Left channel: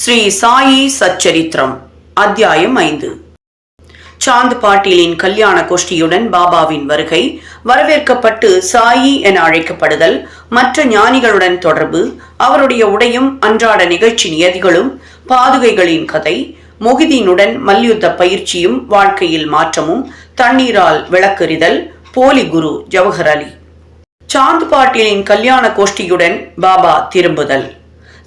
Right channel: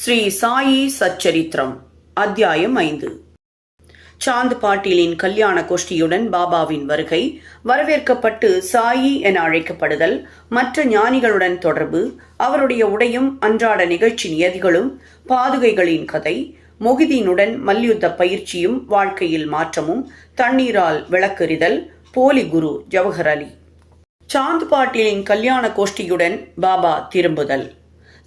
ஸ்ரீ சாயி சச்சரித்திரம் அத்தியாயம் ஐந்து. சாந்த் பாட்டீலின் கல்யாண கோஷ்டியுடன் பாபாவின் வருகை வரவேற்கப்பட்டு சாயி என அழைக்கப்படுதல் மற்ற ஞானிகளுடன் தொடர்பு அவருடைய உடையும் அன்றாட நிகழ்ச்சி நியதிகளும் பாதுகைகளின் கதை மொஹிதீனுடன் மல்யுத்த பயிற்சியும் வாழ்க்கையில் மாற்றமும் தண்ணீரால் விளக்கெறிதல் போலி குரு ஜவஹர் அலி. சாந்த் பாட்டீலின் கல்யாண கோஷ்டியுடன் பாபா திரும்புதல்.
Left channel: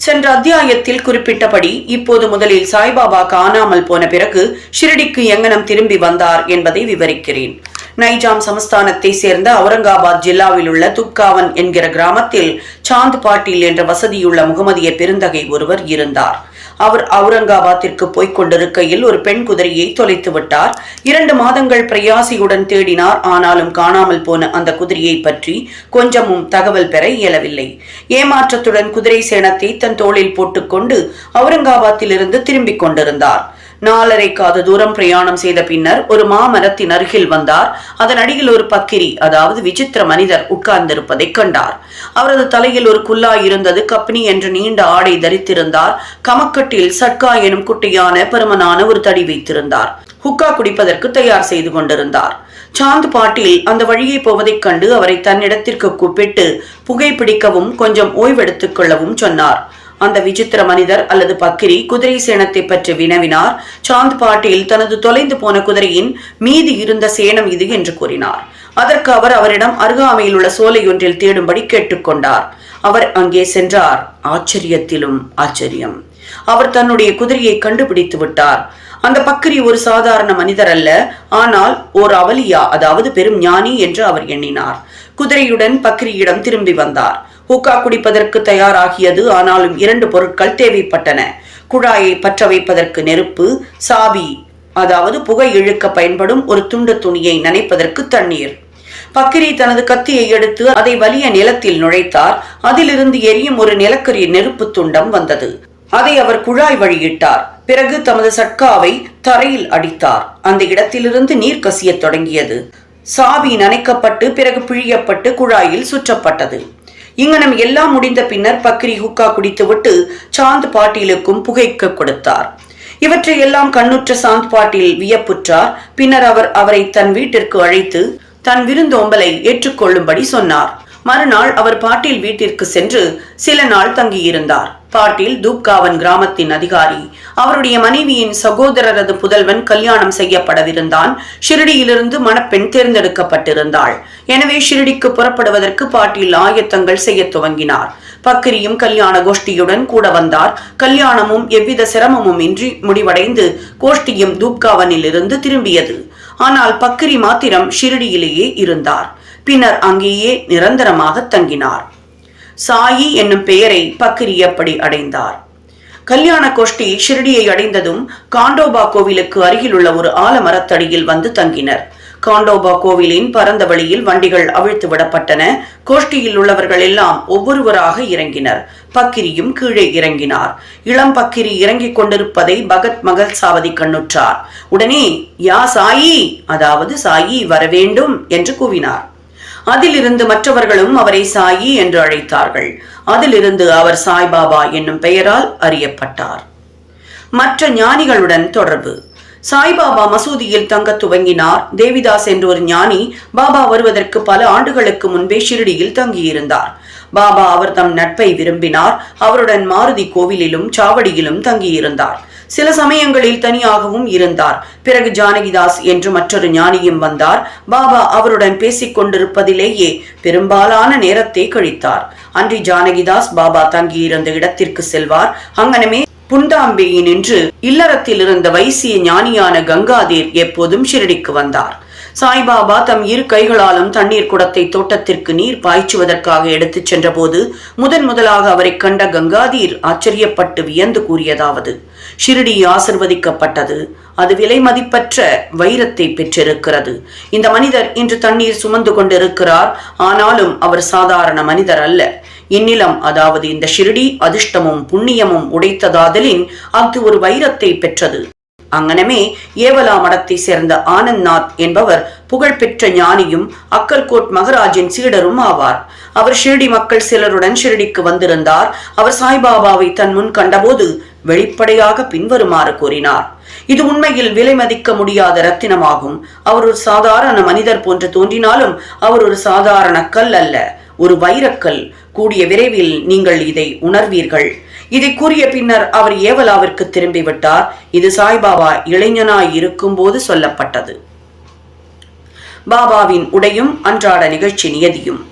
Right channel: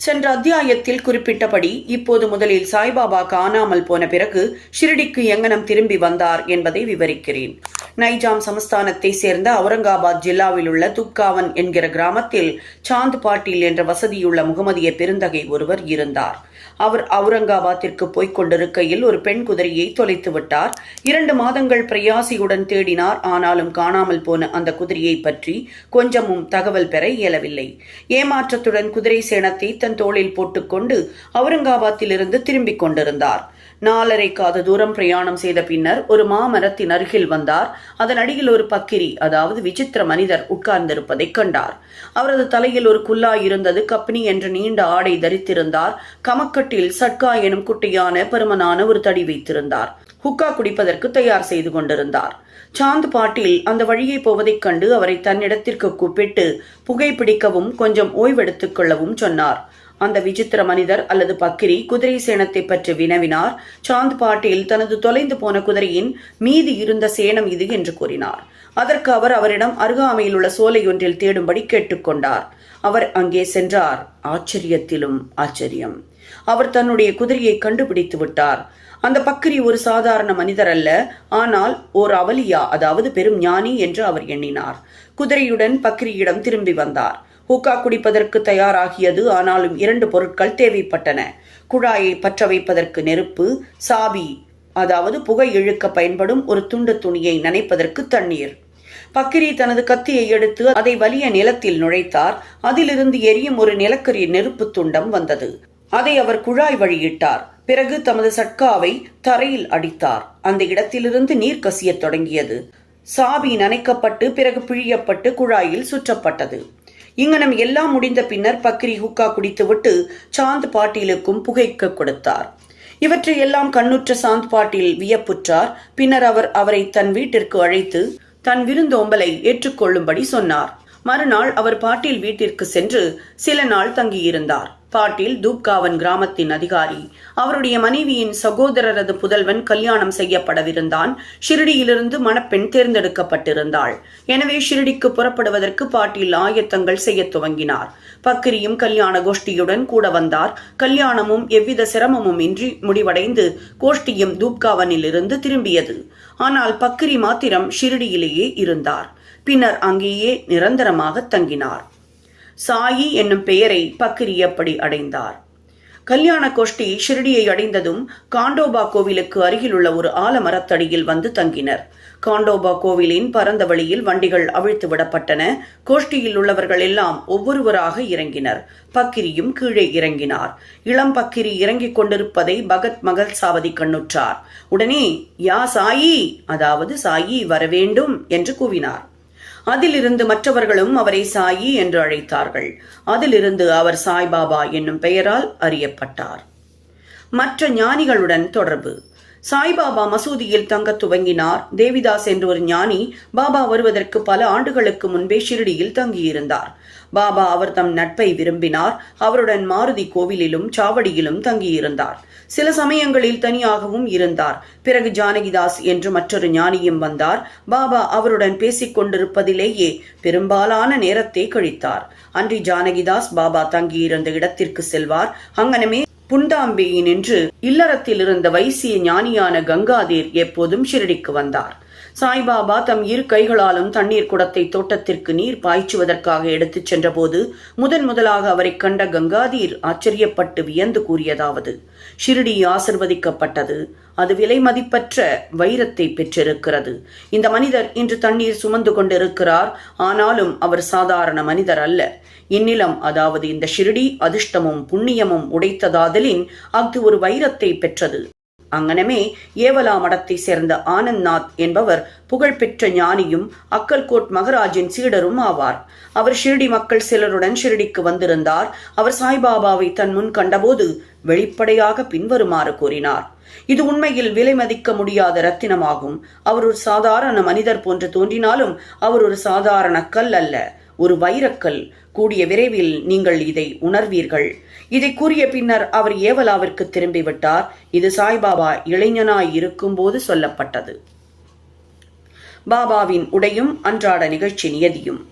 சென்ற அத்தியாயத்தில் குறிப்பிட்டபடி இப்போது முதலில் சாய்பாபா காணாமல் போன பிறகு ஷிரடிக்கு எங்கனம் திரும்பி வந்தார் என்பதை விவரிக்கிறேன். நைஜாம் சமஸ்தானத்தை சேர்ந்த அவுரங்காபாத் ஜில்லாவில் உள்ள துப்காவன் என்கிற கிராமத்தில் சாந்த் பாட்டீல் என்ற வசதியுள்ள முகமதிய பெருந்தகை ஒருவர் இருந்தார். அவர் அவுரங்காபாத்திற்கு போய்க் கொண்டிருக்கையில் ஒரு பெண் குதிரையை தொலைத்து விட்டார். இரண்டு மாதங்கள் பிரயாசியுடன் தேடினார். ஆனாலும் காணாமல் போன அந்த குதிரையை பற்றி கொஞ்சமும் தகவல் பெற இயலவில்லை. ஏமாற்றத்துடன் குதிரை சேனத்தை தன் தோளில் போட்டுக்கொண்டு அவுரங்காபாத்திலிருந்து திரும்பிக் கொண்டிருந்தார். நாலரை காத தூரம் பிரயாணம் செய்த பின்னர் ஒரு மாமரத்தின் அருகில் வந்தார். அதன் அடியில் ஒரு பக்கிரி அதாவது விசித்திர மனிதர் உட்கார்ந்திருப்பதை கண்டார். அவரது தலையில் ஒரு குல்லாய் இருந்தது. கப்பினி என்று நீண்ட ஆடை தரித்திருந்தார். கமக்கட்டில் சட்கா எனும் குட்டியான பெருமனான ஒரு தடி வைத்திருந்தார். ஹுக்கா குடிப்பதற்கு தயார் செய்து கொண்டிருந்தார். சாந்த் பாட்டில் அந்த வழியை போவதைக் கண்டு அவரை தன்னிடத்திற்கு கூப்பிட்டு புகைப்பிடிக்கவும் கொஞ்சம் ஓய்வெடுத்துக் கொள்ளவும் சொன்னார். அந்த விசித்திர மனிதர் அல்லது பக்கிரி குதிரை சேனத்தை பற்றி வினவினார். சாந்த் பாட்டில் தனது தொலைந்து போன குதிரையின் மீதி இருந்த சேனம் இது என்று கூறினார். அதற்கு அவர் அவரிடம் அருகாமையில் உள்ள சோலை ஒன்றில் தேடும்படி கேட்டுக்கொண்டார் அவர் அங்கே சென்றார். ஆச்சரியத்திலும் ஆச்சரியம். அவர் தன்னுடைய குதிரையை கண்டுபிடித்து விட்டார். அந்த பக்கரி ஒரு சாதாரண மனிதர் அல்ல ஆனால் ஓர் அவலியா அதாவது பெரும் ஞானி என்று அவர் எண்ணினார். குதிரையுடன் பக்ரியிடம் திரும்பி வந்தார். ஹூக்கா குடிப்பதற்கு தயாராகியது ஆனாலும் இரண்டு பொருட்கள் தேவைப்பட்டன. குழாயை பற்ற வைப்பதற்கு நெருப்பு சாவி அதாவது புகை இழுக்க பயன்படும் ஒரு துண்டு துணியை நனைப்பதற்கு தண்ணீர். பக்கிரி தனது கத்தியை எடுத்து அதை வலிய நிலத்தில் நுழைத்தார். அதிலிருந்து எரியும் ஒரு நிலக்கரி நெருப்பு துண்டம் வந்தது. அதை அவர் குழாய் வழியிட்டார். பிறகு தமது சட்காவை தரையில் அடித்தார். அந்த இடத்திலிருந்து நீர் கசியத் தொடங்கியது. சாவி நனைக்கப்பட்டு பிறகு பிழியப்பட்டு குழாயில் சுற்றப்பட்டது. இங்கனம் எல்லாம் முடிந்த பின்னர் பக்ரி ஹுக்கா குடித்துவிட்டு சாந்த் பாட்டீலுக்கும் புகைக்க கொடுத்தார். இவற்றை எல்லாம் கண்ணுற்ற சாந்த் பாட்டீல் வியப்புற்றார். பின்னர் அவர் அவரை தன் வீட்டிற்கு அழைத்து தன் விருந்தோம்பலை ஏற்றுக்கொள்ளும்படி சொன்னார். மறுநாள் அவர் பாட்டீல் வீட்டிற்கு சென்று சில நாள் தங்கியிருந்தார். பாட்டில் தூப்காவன் கிராமத்தின் அதிகாரி. அவருடைய மனைவியின் சகோதரரது புதல்வன் கல்யாணம் செய்யப்படவிருந்தான். ஷிரடியிலிருந்து மணப்பெண் தேர்ந்தெடுக்கப்பட்டிருந்தாள். எனவே ஷிரடிக்கு புறப்படுவதற்கு பாட்டில் ஆயத்தங்கள் செய்ய துவங்கினார். பக்கிரியும் கல்யாண கோஷ்டியுடன் கூட வந்தார். கல்யாணமும் எவ்வித சிரமமும் இன்றி முடிவடைந்து கோஷ்டியும் தூப்காவனில் இருந்து திரும்பியது. ஆனால் பக்கிரி மாத்திரம் ஷிரடியிலேயே இருந்தார். பின்னர் அங்கேயே நிரந்தரமாக தங்கினார். சாயி என்னும் பெயரை பக்ரி அடைந்தார். கல்யாண கோஷ்டி ஷிரடியை அடைந்ததும் காண்டோபா கோவிலுக்கு அருகில் உள்ள ஒரு ஆலமரத்தடியில் வந்து தங்கினர். காண்டோபா கோவிலின் பரந்த வழியில் வண்டிகள் அவிழ்த்து விடப்பட்டன. கோஷ்டியில் உள்ளவர்கள் எல்லாம் ஒவ்வொருவராக இறங்கினர். பக்கிரியும் கீழே இறங்கினார். இளம் பக்கிரி இறங்கிக் கொண்டிருப்பதை பகத் மகள் சாவதி கண்ணுற்றார். உடனே யா சாயி? அதாவது சாயி வரவேண்டும் என்று கூவினார். அதிலிருந்து மற்றவர்களும் அவரை சாயி என்று அழைத்தார்கள். அதிலிருந்து அவர் சாய்பாபா என்னும் பெயரால் அறியப்பட்டார். மற்ற ஞானிகளுடன் தொடர்பு. சாய்பாபா மசூதியில் தங்க துவங்கினார். தேவிதாஸ் என்ற ஒரு ஞானி பாபா வருவதற்கு பல ஆண்டுகளுக்கு முன்பே ஷிரடியில் தங்கியிருந்தார். பாபா அவர் தம் நட்பை விரும்பினார். அவருடன் மாருதி கோவிலிலும் சாவடியிலும் தங்கியிருந்தார். சில சமயங்களில் தனியாகவும் இருந்தார். பிறகு ஜானகிதாஸ் என்று மற்றொரு ஞானியும் வந்தார். பாபா அவருடன் பேசிக் கொண்டிருப்பதிலேயே பெரும்பாலான நேரத்தை கழித்தார். அன்றி ஜானகிதாஸ் பாபா தங்கியிருந்த இடத்திற்கு செல்வார். அங்கனமே புண்டாம்பேயின் என்று இல்லறத்தில் இருந்த வைசிய ஞானியான கங்காதீர் எப்போதும் ஷிரடிக்கு வந்தார். சாய்பாபா தம் இரு கைகளாலும் தண்ணீர் குடத்தை தோட்டத்திற்கு நீர் பாய்ச்சுவதற்காக எடுத்துச் சென்றபோது முதன் முதலாக அவரை கண்ட கங்காதீர் ஆச்சரியப்பட்டு வியந்து கூறியதாவது ஷிரடி ஆசிர்வதிக்கப்பட்டது. அது விலை மதிப்பற்ற வைரத்தை பெற்றிருக்கிறது. இந்த மனிதர் இன்று தண்ணீர் சுமந்து கொண்டிருக்கிறார். ஆனாலும் அவர் சாதாரண மனிதர் அல்ல. இந்நிலம் அதாவது இந்த ஷிரடி அதிர்ஷ்டமும் புண்ணியமும் உடைத்ததாதலின் அது ஒரு வைரத்தை பெற்றது. அங்கனமே ஏவலா மடத்தை சேர்ந்த ஆனந்த்நாத் என்பவர் புகழ்பெற்ற ஞானியும் அக்கல்கோட் மகராஜின் சீடரும் ஆவார். அவர் ஷிரடி மக்கள் சிலருடன் ஷிரடிக்கு வந்திருந்தார். அவர் சாய்பாபாவை தன் முன் கண்டபோது வெளிப்படையாக பின்வருமாறு கூறினார். இது உண்மையில் விலை மதிக்க முடியாத ரத்தினமாகும். அவர் ஒரு சாதாரண மனிதர் போன்று தோன்றினாலும் அவர் ஒரு சாதாரண கல் அல்ல. ஒரு வைரக்கல். கூடிய விரைவில் நீங்கள் இதை உணர்வீர்கள். இதை கூறிய பின்னர் அவர் ஏவலாவிற்கு திரும்பிவிட்டார். இது சாய்பாபா இளைஞனாய் இருக்கும்போது சொல்லப்பட்டது. பாபாவின் உடையும் அன்றாட நிகழ்ச்சி நியதியும்.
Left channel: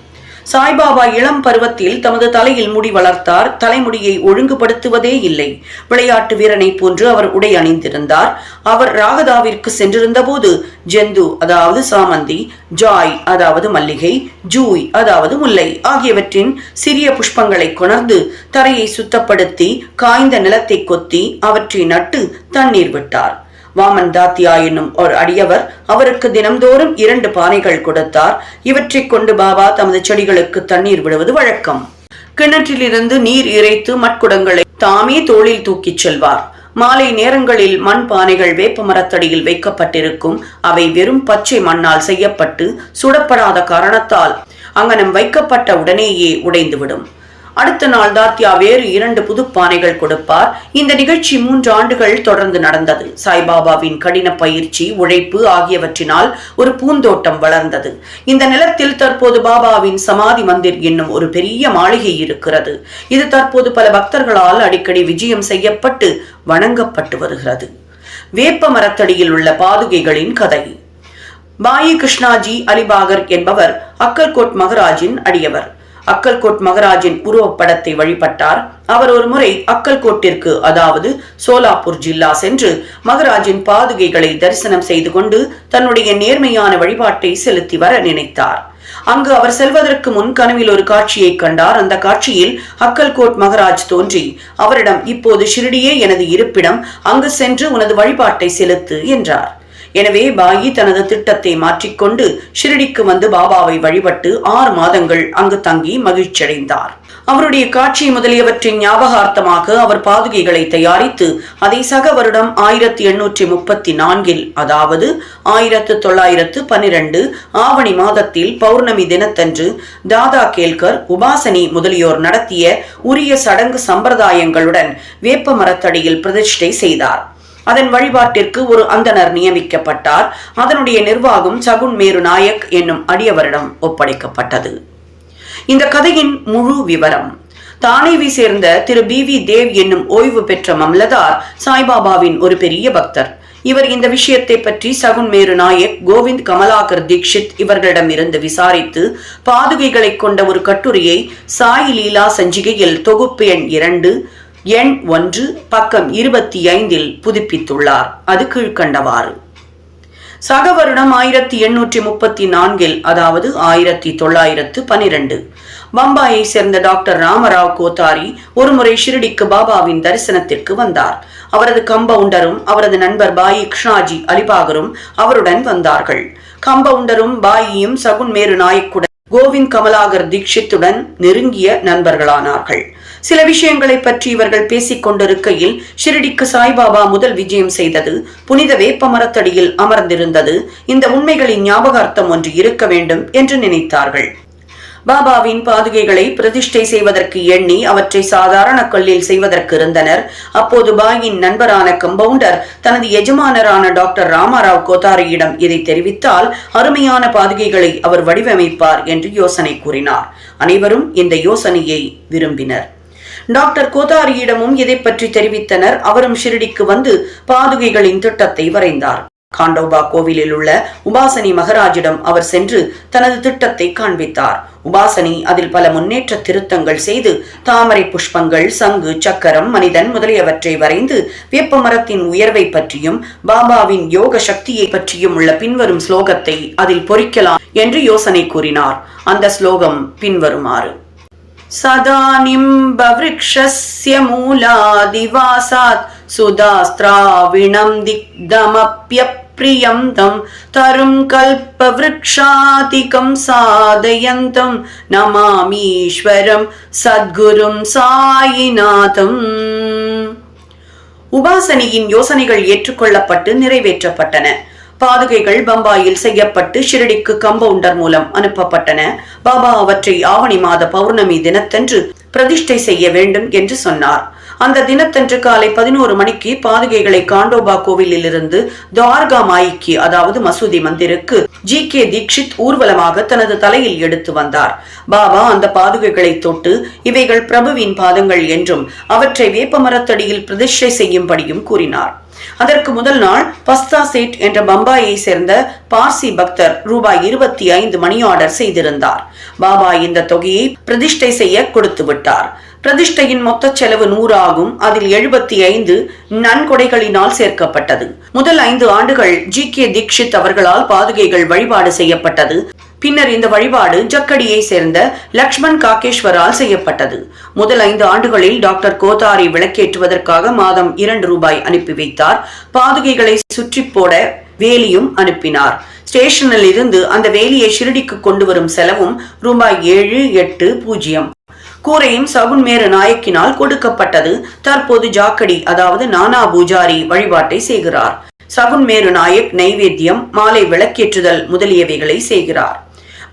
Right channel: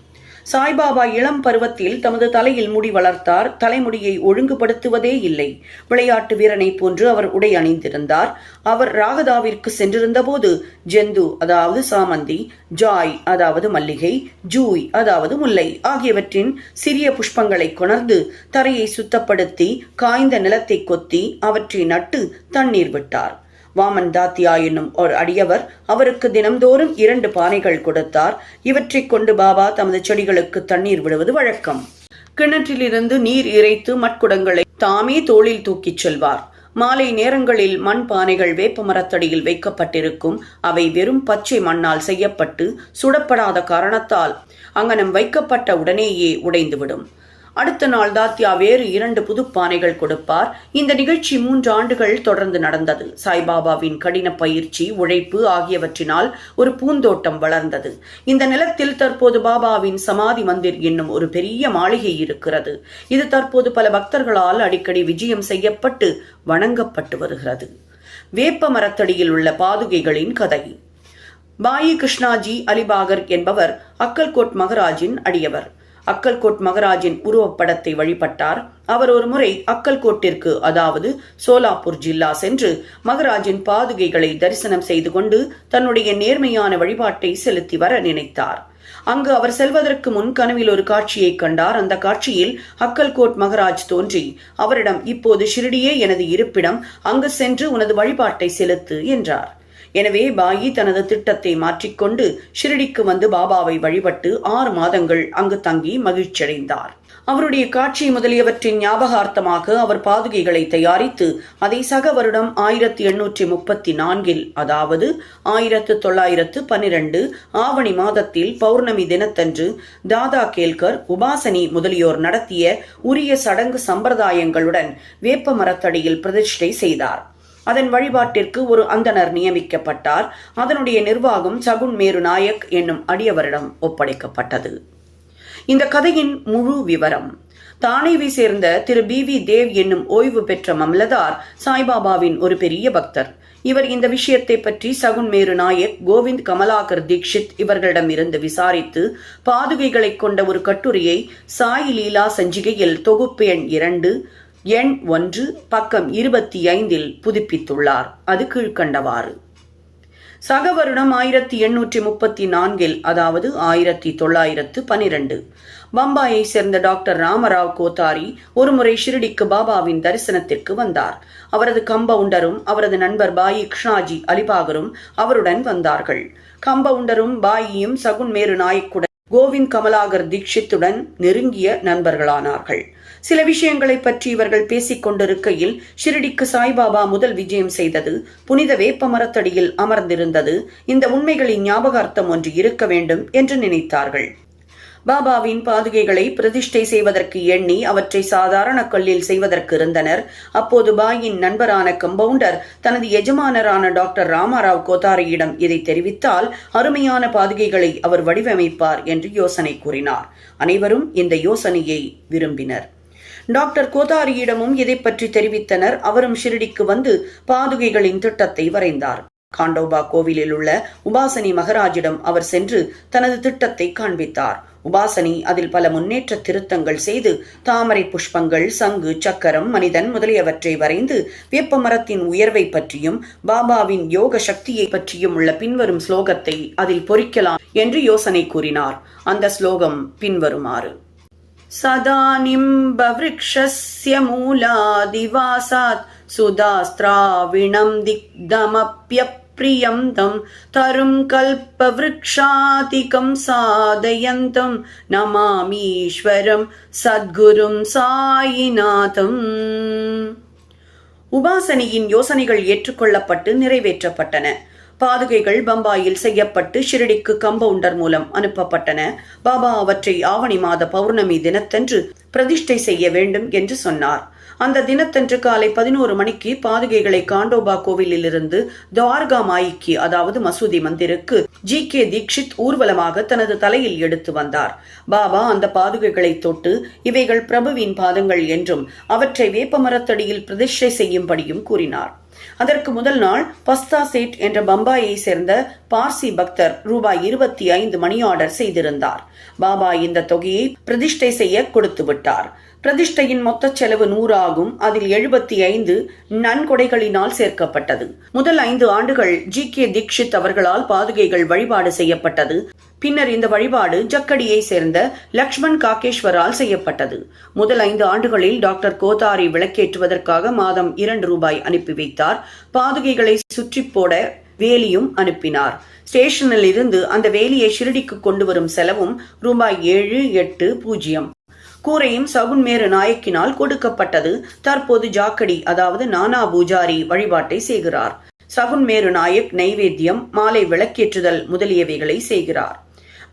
சாய்பாபா இளம் பருவத்தில் தமது தலையில் முடி வளர்த்தார். தலைமுடியை ஒழுங்குபடுத்துவதே இல்லை. விளையாட்டு வீரனை போன்று அவர் உடை அணிந்திருந்தார். அவர் ராகதாவிற்கு சென்றிருந்த போது ஜெந்து அதாவது சாமந்தி ஜாய் அதாவது மல்லிகை ஜூய் அதாவது முல்லை ஆகியவற்றின் சிறிய புஷ்பங்களை கொணர்ந்து தரையை சுத்தப்படுத்தி காய்ந்த நிலத்தை கொத்தி அவற்றை நட்டு தண்ணீர் விட்டார். வாமன் தாத்தியா என்னும் ஒரு அடியவர் அவருக்கு தினம்தோறும் இரண்டு பானைகள் கொடுத்தார். இவற்றைக் கொண்டு பாபா தமது செடிகளுக்கு தண்ணீர் விடுவது வழக்கம். கிணற்றிலிருந்து நீர் இறைத்து மட்குடங்களை தாமே தோளில் தூக்கிச் செல்வார். மாலை நேரங்களில் மண் பானைகள் வேப்ப மரத்தடியில் வைக்கப்பட்டிருக்கும். அவை வெறும் பச்சை மண்ணால் செய்யப்பட்டு சுடப்படாத காரணத்தால் அங்கனம் வைக்கப்பட்ட உடனேயே உடைந்துவிடும். அடுத்த நாள் தாத்யா வேறு இரண்டு புது பானைகள் கொடுப்பார். இந்த நிகழ்ச்சி மூன்று ஆண்டுகள் தொடர்ந்து நடந்தது. சாய்பாபாவின் கடின பயிற்சி உழைப்பு ஆகியவற்றினால் ஒரு பூந்தோட்டம் வளர்ந்தது. இந்த நிலத்தில் தற்போது பாபாவின் சமாதி மந்திர் என்னும் ஒரு பெரிய மாளிகை இருக்கிறது. இது தற்போது பல பக்தர்களால் அடிக்கடி விஜயம் செய்யப்பட்டு வணங்கப்பட்டு வருகிறது. வேப்ப மரத்தடியில் உள்ள பாதுகைகளின் கதை. பாயி கிருஷ்ணாஜி அலிபாகர் என்பவர் அக்கல்கோட் மகராஜின் அடியவர். அக்கல்கோட் மகராஜின் உருவப்படத்தை வழிபட்டார். அவர் ஒரு முறை அக்கல்கோட்டிற்கு அதாவது சோலாப்பூர் ஜில்லா சென்று மகராஜின் பாதுகைகளை தரிசனம் செய்து கொண்டு தன்னுடைய நேர்மையான வழிபாட்டை செலுத்தி வர நினைத்தார். அங்கு அவர் செல்வதற்கு முன் கனவில் ஒரு காட்சியை கண்டார். அந்த காட்சியில் அக்கல்கோட் மகராஜ் தோன்றி அவரிடம் இப்போது ஷிரடியே எனது இருப்பிடம் அங்கு சென்று உனது வழிபாட்டை செலுத்து என்றார். எனவே பாயி தனது திட்டத்தை மாற்றிக்கொண்டு ஷிரடிக்கு வந்து பாபாவை வழிபட்டு ஆறு மாதங்கள் அங்கு தங்கி மகிழ்ச்சியடைந்தார். அவருடைய காட்சி முதலியவற்றின் ஞாபகார்த்தமாக அவர் பாதுகைகளை தயாரித்து அதை சக வருடம் ஆயிரத்தி எண்ணூற்றி முப்பத்தி நான்கில் அதாவது ஆயிரத்து தொள்ளாயிரத்து பனிரெண்டு ஆவணி மாதத்தில் பௌர்ணமி தினத்தன்று தாதா கேல்கர் உபாசனி முதலியோர் நடத்திய உரிய சடங்கு சம்பிரதாயங்களுடன் வேப்ப மரத்தடியில் பிரதிஷ்டை செய்தார். அதன் வழிபாட்டிற்கு ஒரு அந்தனர் நியமிக்கப்பட்டார். அதனுடைய நிர்வாகம் சகுன் மேரு நாயக் என்னும் அடியவரிடம் ஒப்படைக்கப்பட்டது. இந்த கதையின் முழு விவரம். தானேவி சேர்ந்த திரு பி வி தேவ் என்னும் ஓய்வு பெற்ற மம்லதார் சாய்பாபாவின் ஒரு பெரிய பக்தர். இவர் இந்த விஷயத்தை பற்றி சகுன் மேரு நாயக் கோவிந்த் கமலாகர் தீக்ஷித் இவர்களிடம் இருந்து விசாரித்து பாதுகைகளை கொண்ட ஒரு கட்டுரையை சாய் லீலா சஞ்சிகையில் தொகுப்பு எண் இரண்டு எண் ஒன்று பக்கம் இருபத்தி ஐந்தில் புதுப்பித்துள்ளார். அது கீழ்கண்டவாறு சக வருடம் ஆயிரத்தி எண்ணூற்றி முப்பத்தி நான்கில் அதாவது ஆயிரத்தி தொள்ளாயிரத்து பனிரெண்டு பம்பாயை சேர்ந்த டாக்டர் ராமராவ் கோத்தாரி ஒருமுறை ஷிரடிக்கு பாபாவின் தரிசனத்திற்கு வந்தார். அவரது கம்பவுண்டரும் அவரது நண்பர் பாயி கிருஷ்ணாஜி அலிபாகரும் அவருடன் வந்தார்கள். கம்பவுண்டரும் பாயியும் சகுன் மேரு நாயக்குடன் கோவிந்த் கமலாகர் தீக்ஷித்துடன் நெருங்கிய நண்பர்களானார்கள். சில விஷயங்களை பற்றி இவர்கள் பேசிக் கொண்டிருக்கையில் ஷிரடிக்கு சாய்பாபா முதல் விஜயம் செய்தது புனித வேப்ப மரத்தடியில் அமர்ந்திருந்தது. இந்த உண்மைகளின் ஞாபகார்த்தம் ஒன்று இருக்க வேண்டும் என்று நினைத்தார்கள். பாபாவின் பாதுகைகளை பிரதிஷ்டை செய்வதற்கு எண்ணி அவற்றை சாதாரண கல்லில் செய்வதற்கு இருந்தனர். அப்போது பாயின் நண்பரான கம்பவுண்டர் தனது எஜமானரான டாக்டர் ராமாராவ் கோத்தாரியிடம் இதை தெரிவித்தால் அருமையான பாதுகைகளை அவர் வடிவமைப்பார் என்று யோசனை கூறினார். அனைவரும் இந்த யோசனையை விரும்பினர். டாக்டர் கோதாரியிடமும் இதை பற்றி தெரிவித்தனர். அவரும் ஷிரடிக்கு வந்து பாதுகைகளின் திட்டத்தை வரைந்தார். காண்டோபா கோவிலில் உள்ள உபாசனி மகராஜிடம் அவர் சென்று தனது திட்டத்தை காண்பித்தார். உபாசனி அதில் பல முன்னேற்ற திருத்தங்கள் செய்து தாமரை புஷ்பங்கள் சங்கு சக்கரம் மனிதன் முதலியவற்றை வரைந்து வேப்ப மரத்தின் உயர்வை பற்றியும் பாபாவின் யோக சக்தியை பற்றியும் உள்ள பின்வரும் ஸ்லோகத்தை அதில் பொறிக்கலாம் என்று யோசனை கூறினார். அந்த ஸ்லோகம் பின்வருமாறு. சதா நிம்பவிருக்ஷஸ்ய மூலாதிவாசாத் सुधास्त्राविणं दिग्धमप्यप्रियं तं तरुं कल्पवृक्षातिकं साधयन्तं नमामीश्वरं सद्गुरुं सायिनाथम् உபாசனியின் யோசனைகள் ஏற்றுக்கொள்ளப்பட்டு நிறைவேற்றப்பட்டன பாதுகைகள் பம்பாயில் செய்யப்பட்டு ஷிரடிக்கு கம்பவுண்டர் மூலம் அனுப்பப்பட்டன பாபா அவற்றை ஆவணி மாத பௌர்ணமி தினத்தன்று பிரதிஷ்டை செய்ய வேண்டும் என்று சொன்னார் அந்த தினத்தன்று காலை பதினோரு மணிக்கு பாதுகைகளை காண்டோபா கோவிலில் இருந்து துவார்கா மாய்க்கு அதாவது மசூதி மந்திருக்கு ஜி கே தீக்ஷித் ஊர்வலமாக தனது தலையில் எடுத்து வந்தார். பாபா அந்த பாதுகைகளை தொட்டு இவைகள் பிரபுவின் பாதங்கள் என்றும் அவற்றை வேப்ப மரத்தடியில் பிரதிஷ்டை செய்யும்படியும் கூறினார். அதற்கு முதல் நாள் பஸ்தா சேட் என்ற பம்பாயை சேர்ந்த பார்சி பக்தர் ரூபாய் இருபத்தி ஐந்து மணி ஆர்டர் செய்திருந்தார். பாபா இந்த தொகையை பிரதிஷ்டை செய்ய கொடுத்து விட்டார். பிரதிஷ்டையின் மொத்த செலவு நூறு ஆகும் அதில் எழுபத்தி ஐந்து நன்கொடைகளினால் சேர்க்கப்பட்டது. முதல் ஐந்து ஆண்டுகள் ஜி. கே. தீக்ஷித் அவர்களால் பாதுகைகள் வழிபாடு செய்யப்பட்டது. பின்னர் இந்த வழிபாடு ஜக்கடியை சேர்ந்த லக்ஷ்மண் காகேஸ்வரால் செய்யப்பட்டது. முதல் ஐந்து ஆண்டுகளில் டாக்டர் கோதாரி விளக்கேற்றுவதற்காக மாதம் இரண்டு ரூபாய் அனுப்பி வைத்தார். பாதுகைகளை சுற்றி போட வேலியும் அனுப்பினார். ஸ்டேஷனில் இருந்து அந்த வேலியை ஷிரடிக்கு கொண்டு வரும் செலவும் ரூபாய் ஏழு எட்டு பூஜ்ஜியம். கூரையும் சகுன் சகுன்மேரு நாயக்கினால் கொடுக்கப்பட்டது. தற்போது ஜாக்கடி அதாவது நானா பூஜாரி வழிபாட்டை செய்கிறார். சகுன் மேரு நாயக் நைவேத்தியம் மாலை விளக்கேற்றுதல் முதலியவைகளை செய்கிறார்.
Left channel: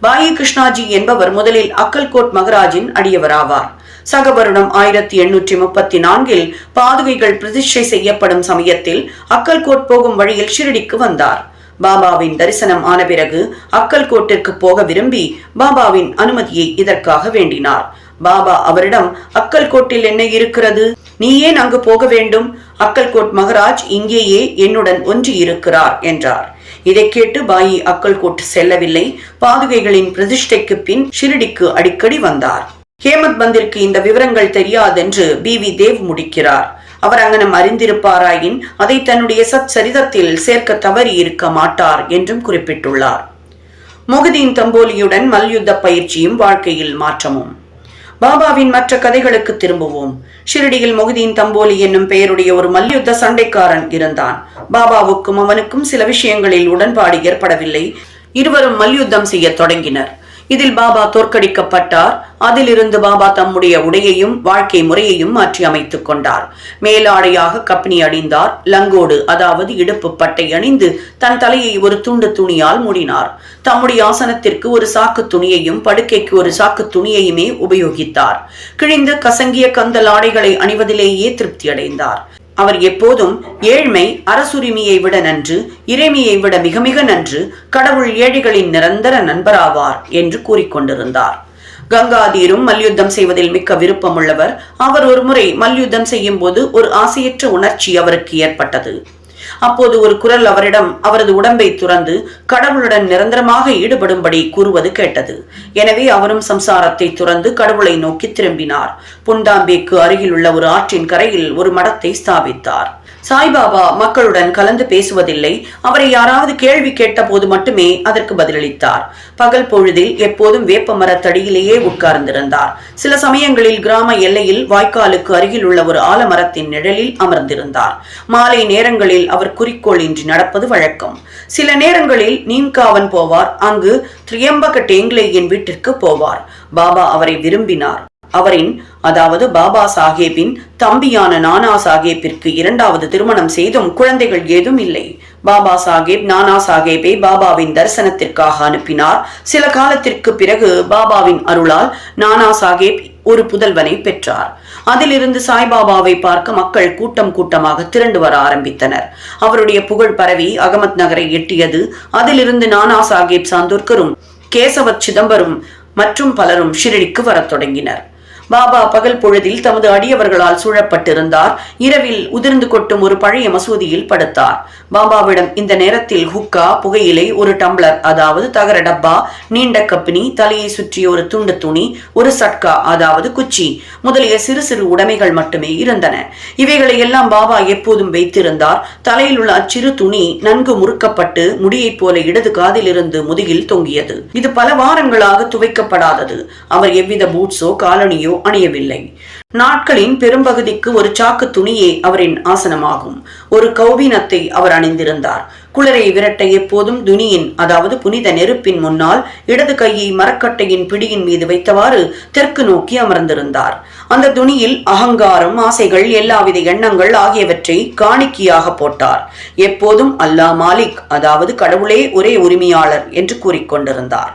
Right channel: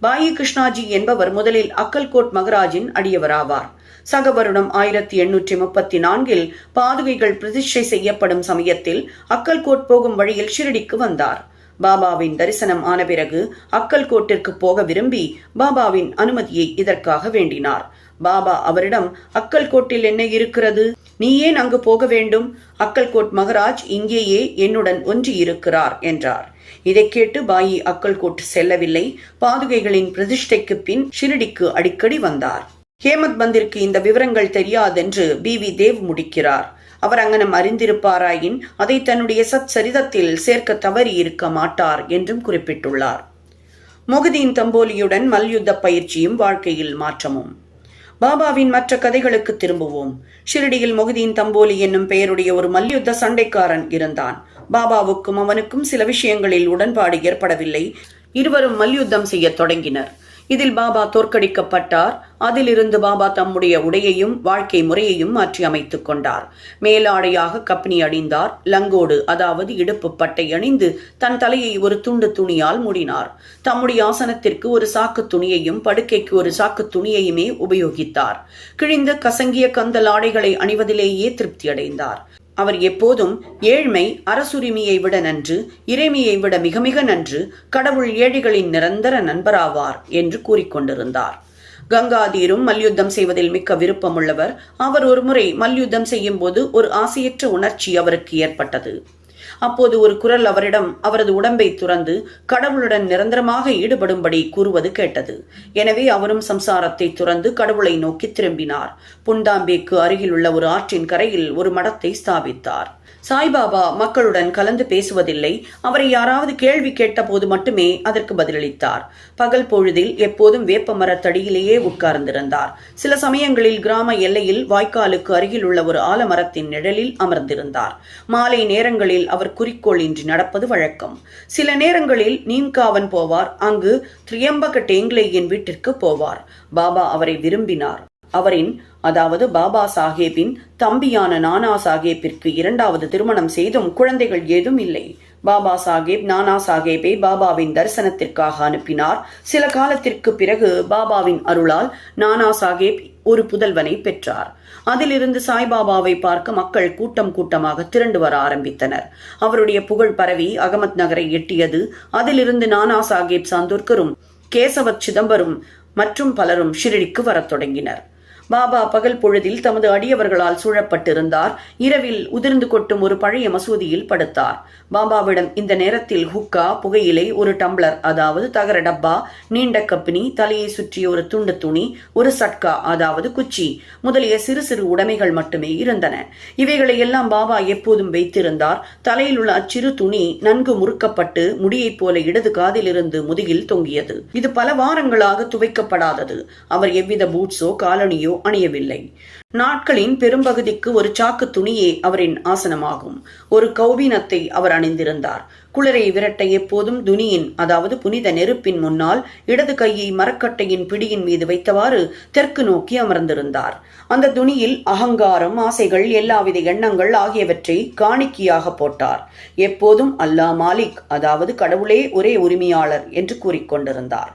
பாயி கிருஷ்ணாஜி என்பவர் முதலில் அக்கல்கோட் மகராஜின் அடியவராவார். சக வருடம் ஆயிரத்தி எண்ணூற்றி முப்பத்தி நான்கில் பாதுகைகள் பிரதிஷ்டை செய்யப்படும் சமயத்தில் அக்கல்கோட் போகும் வழியில் ஷிரடிக்கு வந்தார். பாபாவின் தரிசனம் ஆன பிறகு அக்கல்கோட்டிற்கு போக விரும்பி பாபாவின் அனுமதியை இதற்காக வேண்டினார். பாபா அவரிடம் அக்கல்கோட்டில் என்ன இருக்கிறது? நீ ஏன் அங்கு போக வேண்டும். அக்கல்கோட் மகராஜ் இங்கேயே என்னுடன் ஒன்று இருக்கிறார் என்றார். இதை கேட்டு பாயி அக்கல்கோட் செல்லவில்லை. பாதுகைகளின் பிரதிஷ்டைக்கு பின் ஷிரடிக்கு அடிக்கடி வந்தார். ஹேமத் பந்திற்கு இந்த விவரங்கள் தெரியாதென்று பி. வி. தேவ் முடிக்கிறார். அவர் அங்கனம் அறிந்திருப்பாராயின் அதை தன்னுடைய சத் சரிதத்தில் சேர்க்க தவறி இருக்க மாட்டார் என்றும் குறிப்பிட்டுள்ளார். முகதீன் தம்போலியுடன் மல்யுத்த பயிற்சியும் வாழ்க்கையில் மாற்றமும். பாபாவின் மற்ற கதைகளுக்கு திரும்புவோம். ஷிரடியில் மொஹிதீன் தம்போலி என்னும் பெயருடைய ஒரு மல்யுத்த சண்டைக்காரன் இருந்தான். பாபாவுக்கும் அவனுக்கும் சில விஷயங்களில் உடன்பாடு ஏற்படவில்லை. இருவரும் மல்யுத்தம் செய்ய தொடங்கினர். இதில் பாபா தோற்கடிக்கப்பட்டார். அதிலிருந்து பாபா தம்முடைய உடையையும் வாழ்க்கை முறையையும் மாற்றி அமைத்துக் கொண்டார். மேலாடையாக கப்பினி அடிந்தார் லங்கோடு அதாவது இடுப்பு பட்டை அணிந்து தன் தலையை ஒரு துண்டு துணியால் மூடினார். தம்முடைய ஆசனத்திற்கு ஒரு சாக்கு துணியையும் படுக்கைக்கு ஒரு சாக்கு துணியையுமே உபயோகித்தார். கிழிந்த கசங்கிய கந்தல் ஆடைகளை அணிவதிலேயே திருப்தி அடைந்தார். அவர் எப்போதும் ஏழ்மை அரசுரிமையை விட நன்று இறைமையை விட மிக மிக நன்று கடவுள் ஏழைகளின் நிரந்தர நண்பராவார் என்று கூறிக்கொண்டிருந்தார். கங்காதீரும் மல்யுத்தம் செய்வதில் மிக்க விருப்பமுள்ளவர் அவர் ஒரு முறை மல்யுத்தம் செய்யும் போது ஒரு ஆசையற்ற உணர்ச்சி அவருக்கு ஏற்பட்டது. அப்போது ஒரு குரல் அவரிடம் அவரது உடம்பை துறந்து கடவுளுடன் நிரந்தரமாக ஈடுபடும்படி கூறுவது கேட்டது. எனவே அவரும் சம்சாரத்தை துறந்து கடவுளை நோக்கி திரும்பினார். புண்டாம்பேக்கு அருகில் உள்ள ஒரு ஆற்றின் கரையில் ஒரு மடத்தை ஸ்தாபித்தார். சாய்பாபா மக்களுடன் கலந்து பேசுவதில்லை. அவரை யாராவது கேள்வி கேட்ட போது மட்டுமே அதற்கு பதிலளித்தார். பகல் பொழுதில் எப்போதும் வேப்ப மரத்தடியிலேயே உட்கார்ந்திருந்தார். சில சமயங்களில் கிராம எல்லையில் வாய்க்காலுக்கு அருகில் உள்ள ஒரு ஆலமரத்தின் நிழலில் அமர்ந்திருந்தார். மாலை நேரங்களில் அவர் குறிக்கோள் இன்றி நடப்பது வழக்கம். சில நேரங்களில் நீம்காவன் போவார். அங்கு திரியம்பக டேங்லேயின் வீட்டிற்கு போவார். பாபா அவரை விரும்பினார். அவரின் அதாவது பாபா சாஹேப்பின் தம்பியான நானா சாஹேப்பிற்கு இரண்டாவது திருமணம் செய்தும் குழந்தைகள் ஏதும் இல்லை. பாபா சாஹேப் நானா சாஹேப்பை பாபாவின் தரிசனத்திற்காக அனுப்பினார். சில காலத்திற்கு பிறகு பாபாவின் அருளால் நானா சாஹேப் ஒரு புதல்வனை பெற்றார். அதிலிருந்து சாய்பாபாவை பார்க்க மக்கள் கூட்டம் கூட்டமாக திரண்டு வர ஆரம்பித்தனர். அவருடைய புகழ் பரவி அகமத் நகரை எட்டியது. அதிலிருந்து நானா சாஹேப் சாந்தூர்கரும் கேசவ சிதம்பரம் மற்றும் பலரும் ஷிரடிக்கு வரத் தொடங்கினர். பாபா பகல் பொழுதில் தமது அடியவர்களால் சூழப்பட்டிருந்தார். இரவில் உதிர்ந்து கொட்டும் ஒரு பழைய மசூதியில் படுத்தார். பாபாவிடம் இந்த நேரத்தில் ஹுக்கா புகையிலை ஒரு டம்ளர் அதாவது தகர டப்பா நீண்ட கப்பினி தலையை சுற்றிய ஒரு துண்டு துணி ஒரு சட்கா அதாவது குச்சி முதலிய சிறு சிறு உடைமைகள் மட்டுமே இருந்தன. இவைகளை எல்லாம் பாபா எப்போதும் வைத்திருந்தார். தலையில் உள்ள அச்சிறு துணி நன்கு முறுக்கப்பட்டு முடியைப் போல இடது காதிலிருந்து முதுகில் தொங்கியது. இது பல வாரங்களாக துவைக்கப்படாதது. அவர் எவ்வித பூட்ஸோ காலனியோ அணியவில்லை. நாட்களின் பெரும்பகுதிக்கு ஒரு சாக்கு துணியே அவரின் ஆசனமாகும். ஒரு கௌபீனத்தை அவர் அணிந்திருந்தார். குளிரை விரட்ட எப்போதும் துனியின் அதாவது புனித நெருப்பின் முன்னால் இடது கையை மரக்கட்டையின் பிடியின் மீது வைத்தவாறு தெற்கு நோக்கி அமர்ந்திருந்தார். அந்த துணியில் அகங்காரம் ஆசைகள் எல்லாவித எண்ணங்கள் ஆகியவற்றை காணிக்கையாக போட்டார். எப்போதும் அல்லா மாலிக் அதாவது கடவுளே ஒரே உரிமையாளர் என்று கூறிக்கொண்டிருந்தார்.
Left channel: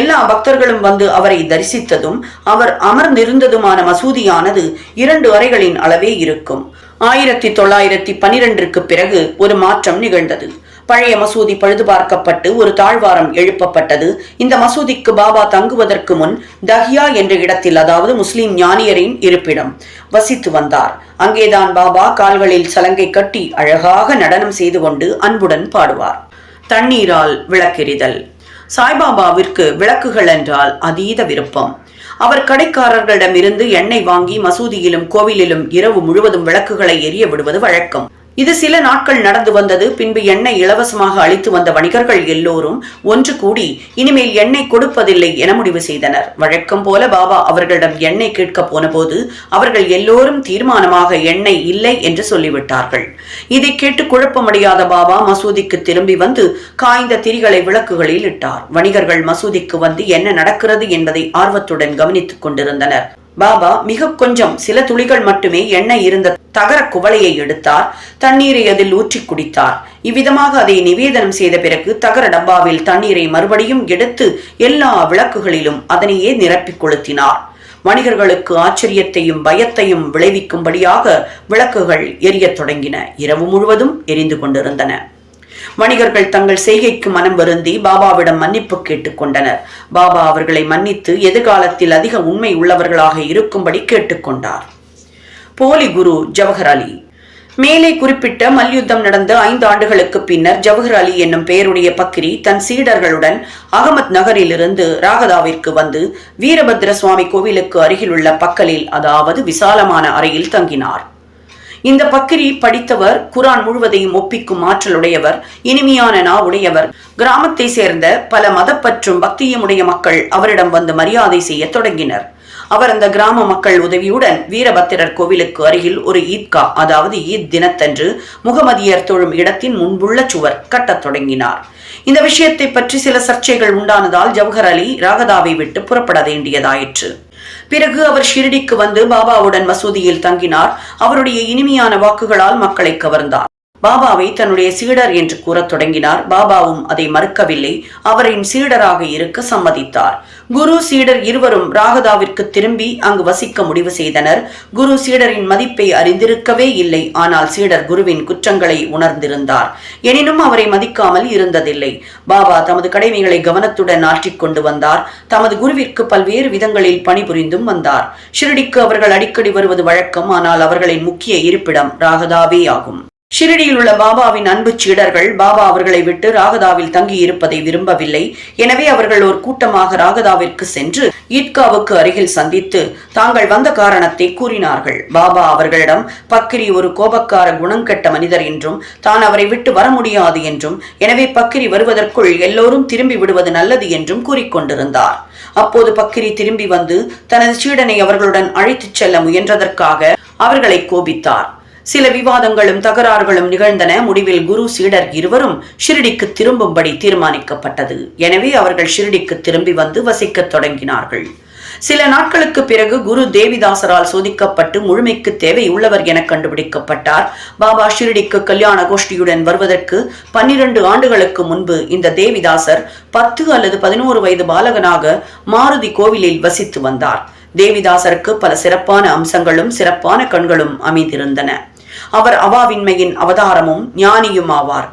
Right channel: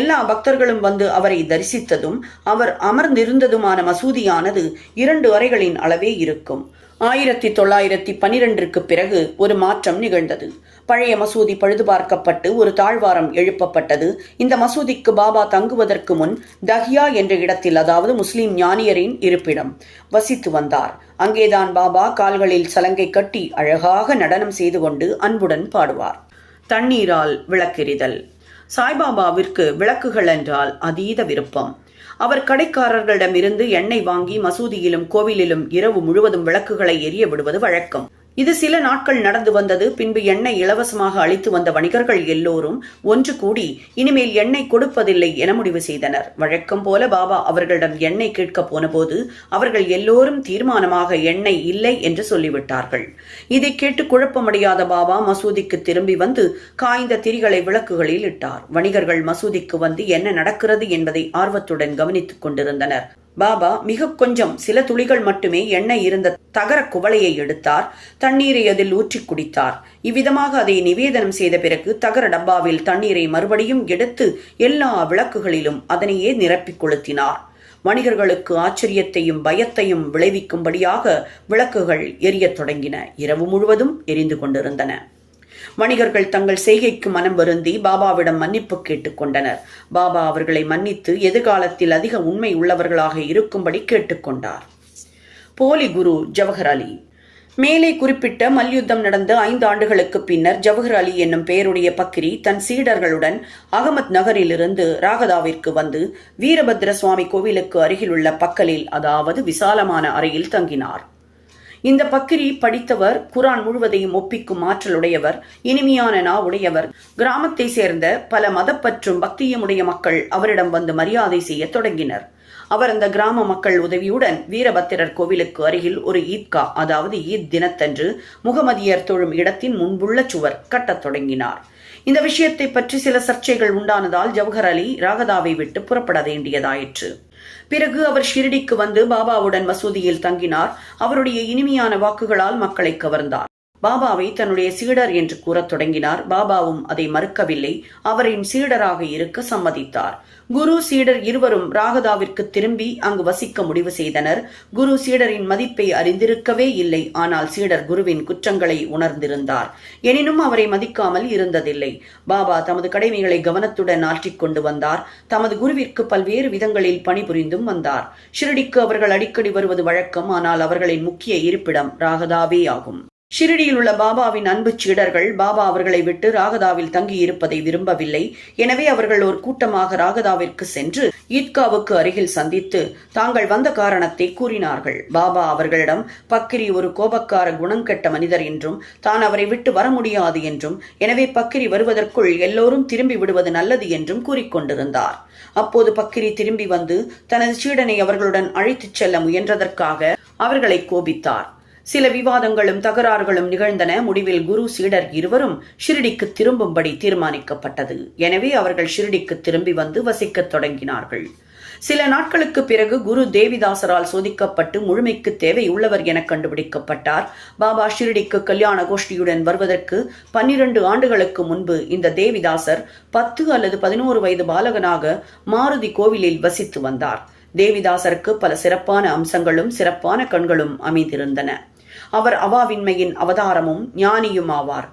எல்லா பக்தர்களும் வந்து அவரை தரிசித்ததும் அவர் அமர்ந்திருந்ததுமான மசூதியானது இரண்டு அறைகளின் அளவே இருக்கும். ஆயிரத்தி தொள்ளாயிரத்தி பனிரெண்டிற்கு பிறகு ஒரு மாற்றம் நிகழ்ந்தது. பழைய மசூதி பழுது பார்க்கப்பட்டு ஒரு தாழ்வாரம் எழுப்பப்பட்டது. இந்த மசூதிக்கு பாபா தங்குவதற்கு முன் தஹியா என்ற இடத்தில் அதாவது முஸ்லிம் ஞானியரின் இருப்பிடம் வசித்து வந்தார். அங்கேதான் பாபா கால்களில் சலங்கை கட்டி அழகாக நடனம் செய்து கொண்டு அன்புடன் பாடுவார். தண்ணீரால் விளக்கெறிதல். சாய்பாபாவிற்கு விளக்குகள் என்றால் அதீத விருப்பம். அவர் கடைக்காரர்களிடமிருந்து எண்ணெய் வாங்கி மசூதியிலும் கோவிலிலும் இரவு முழுவதும் விளக்குகளை எரிய விடுவது வழக்கம். இது சில நாட்கள் நடந்து வந்தது. பின்பு எண்ணெய் இலவசமாக அளித்து வந்த வணிகர்கள் எல்லோரும் ஒன்று கூடி இனிமேல் எண்ணெய் கொடுப்பதில்லை என முடிவு செய்தனர். வழக்கம் போல பாபா அவர்களிடம் எண்ணெய் கேட்க போனபோது அவர்கள் எல்லோரும் தீர்மானமாக எண்ணெய் இல்லை என்று சொல்லிவிட்டார்கள். இதை கேட்டு குழப்பமடையாத பாபா மசூதிக்கு திரும்பி வந்து காய்ந்த திரிகளை விளக்குகளில் இட்டார். வணிகர்கள் மசூதிக்கு வந்து என்ன நடக்கிறது என்பதை ஆர்வத்துடன் கவனித்துக் கொண்டிருந்தனர். பாபா மிக கொஞ்சம் சில துளிகள் மட்டுமே எண்ணெய் இருந்த தகர குவளையை எடுத்தார். தண்ணீரை அதில் ஊற்றி குடித்தார். இவ்விதமாக அதை நிவேதனம் செய்த பிறகு தகர டப்பாவில் தண்ணீரை மறுபடியும் எடுத்து எல்லா விளக்குகளிலும் அதனையே நிரப்பிக் கொளுத்தினார். வணிகர்களுக்கு ஆச்சரியத்தையும் பயத்தையும் விளைவிக்கும்படியாக விளக்குகள் எரியத் தொடங்கின. இரவு முழுவதும் எரிந்து கொண்டிருந்தன. வணிகர்கள் தங்கள் செய்கைக்கு மனம் வருந்தி பாபாவிடம் மன்னிப்பு கேட்டுக்கொண்டனர். பாபா அவர்களை மன்னித்து எதிர்காலத்தில் அதிக உண்மை உள்ளவர்களாக இருக்கும்படி கேட்டுக்கொண்டார். போலி குரு ஜவஹர் அலி. மேலே குறிப்பிட்ட மல்யுத்தம் நடந்த ஐந்து ஆண்டுகளுக்கு பின்னர் ஜவஹர் அலி என்னும் பெயருடைய பக்கிரி தன் சீடர்களுடன் அகமத் நகரிலிருந்து ராகதாவிற்கு வந்து வீரபத்ர சுவாமி கோவிலுக்கு அருகிலுள்ள பக்கலில் அதாவது விசாலமான அறையில் தங்கினார். இந்த பக்கிரி படித்தவர் குரான் முழுவதையும் ஒப்பிக்கும் ஆற்றலுடையவர் இனிமையான நா உடையவர் கிராமத்தை சேர்ந்த பல மதப்பற்றும் பக்தியமுடைய மக்கள் அவரிடம் வந்து மரியாதை செய்ய தொடங்கினர். அவர் அந்த கிராம மக்கள் உதவியுடன் வீரபத்திரர் கோவிலுக்கு அருகில் ஒரு ஈத்கா அதாவது ஈத் தினத்தன்று முகமதியர் தொழும் இடத்தின் முன்புள்ள சுவர் கட்டத் தொடங்கினார். இந்த விஷயத்தை பற்றி சில சர்ச்சைகள் உண்டானதால் ஜவஹர் அலி ராகதாவை விட்டு புறப்பட வேண்டியதாயிற்று. பிறகு அவர் ஷிரடிக்கு வந்து பாபாவுடன் மசூதியில் தங்கினார். அவருடைய இனிமையான வாக்குகளால் மக்களை கவர்ந்தார். பாபாவை தன்னுடைய சீடர் என்று கூறத் தொடங்கினார். பாபாவும் அதை மறுக்கவில்லை. அவரின் சீடராக இருக்க சம்மதித்தார். குரு சீடர் இருவரும் ராகதாவிற்கு திரும்பி அங்கு வசிக்க முடிவு செய்தனர். குரு சீடரின் மதிப்பை அறிந்திருக்கவே இல்லை. ஆனால் சீடர் குருவின் குற்றங்களை உணர்ந்திருந்தார். எனினும் அவரை மதிக்காமல் இருந்ததில்லை. பாபா தமது கடமைகளை கவனத்துடன் ஆற்றிக் கொண்டு வந்தார். தமது குருவிற்கு பல்வேறு விதங்களில் பணிபுரிந்தும் வந்தார். ஷிரடிக்கு அவர்கள் அடிக்கடி வருவது வழக்கம். ஆனால் அவர்களின் முக்கிய இருப்பிடம் ராகதாவே ஆகும். ஷிரடியில் உள்ள பாபாவின் அன்பு சீடர்கள் பாபா அவர்களை விட்டு ராகதாவில் தங்கியிருப்பதை விரும்பவில்லை. எனவே அவர்கள் ஒரு கூட்டமாக ராகதாவிற்கு சென்று ஈத்காவுக்கு அருகில் சந்தித்து தாங்கள் வந்த காரணத்தை கூறினார்கள். பாபா அவர்களிடம் பக்கிரி ஒரு கோபக்கார குணங்கெட்ட மனிதர் என்றும் தான் அவரை விட்டு வர முடியாது என்றும் எனவே பக்கிரி வருவதற்குள் எல்லோரும் திரும்பி விடுவது நல்லது என்றும் கூறிக்கொண்டிருந்தார் அப்போது பக்கிரி திரும்பி வந்து தனது சீடனை அவர்களுடன் அழைத்துச் செல்ல முயன்றதற்காக அவர்களை கோபித்தார். சில விவாதங்களும் தகராறுகளும் நிகழ்ந்தன. முடிவில் குரு சீடர் இருவரும் ஷிரடிக்கு திரும்பும்படி தீர்மானிக்கப்பட்டது. எனவே அவர்கள் ஷிரடிக்கு திரும்பி வந்து வசிக்கத் தொடங்கினார்கள். சில நாட்களுக்கு பிறகு குரு தேவிதாசரால் சோதிக்கப்பட்டு முழுமைக்கு தேவை உள்ளவர் என கண்டுபிடிக்கப்பட்டார். பாபா ஷிரடிக்கு கல்யாண கோஷ்டியுடன் வருவதற்கு பன்னிரண்டு ஆண்டுகளுக்கு முன்பு இந்த தேவிதாசர் பத்து அல்லது பதினோரு வயது பாலகனாக மாருதி கோவிலில் வசித்து வந்தார். தேவிதாசருக்கு பல சிறப்பான அம்சங்களும் சிறப்பான கண்களும் அமைந்திருந்தன. அவர் அவாவின்மையின் அவதாரமும் ஞானியும் ஆவார்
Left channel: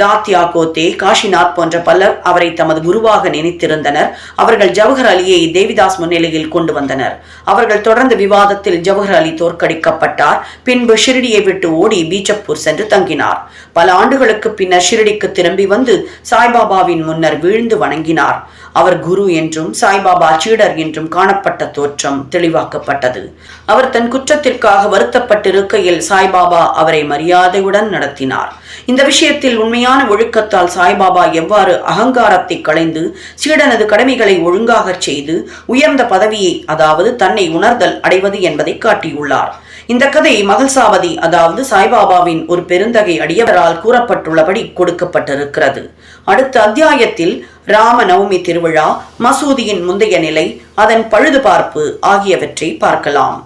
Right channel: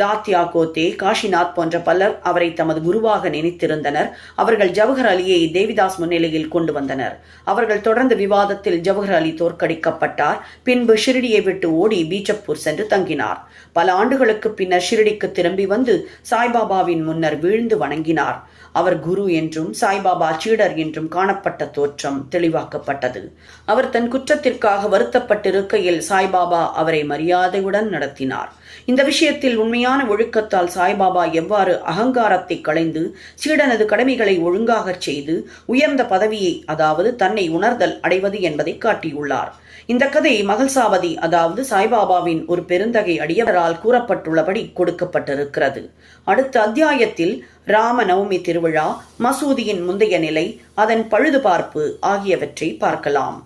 தாத்யா கோத்தே காஷிநாத் போன்ற பலர் அவரை தமது குருவாக நினைத்திருந்தனர். அவர்கள் ஜவஹர் அலியை தேவிதாஸ் முன்னிலையில் கொண்டு வந்தனர். அவர்கள் தொடர்ந்த விவாதத்தில் ஜவஹர் அலி தோற்கடிக்கப்பட்டார். பின்பு ஷிரடியை விட்டு ஓடி பீஜப்பூர் சென்று தங்கினார். பல ஆண்டுகளுக்கு பின்னர் ஷிரடிக்கு திரும்பி வந்து சாய்பாபாவின் முன்னர் வீழ்ந்து வணங்கினார். அவர் குரு என்றும் சாய்பாபா சீடர் என்றும் காணப்பட்ட தோற்றம் தெளிவாக்கப்பட்டது. அவர் தன் குற்றத்திற்காக வருத்தப்பட்டிருக்கையில் சாய்பாபா அவரை மரியாதையுடன் நடத்தினார். இந்த விஷயத்தில் உண்மையான ஒழுக்கத்தால் சாய்பாபா எவ்வாறு அகங்காரத்தை களைந்து சீடனது கடமைகளை ஒழுங்காக செய்து உயர்ந்த பதவியை அதாவது தன்னை உணர்தல் அடைவது என்பதை காட்டியுள்ளார். இந்த கதை மகள்சாவதி அதாவது சாய்பாபாவின் ஒரு பெருந்தகை அடியவரால் கூறப்பட்டுள்ளபடி கொடுக்கப்பட்டிருக்கிறது. அடுத்த அத்தியாயத்தில் ராம நவமி திருவிழா மசூதியின் முந்தைய நிலை அதன் பழுதுபார்ப்பு ஆகியவற்றை பார்க்கலாம்.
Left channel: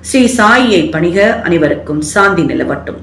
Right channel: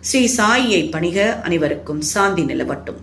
ஸ்ரீ சாயியை பணிக அனைவருக்கும் சாந்தி நிலவட்டும்.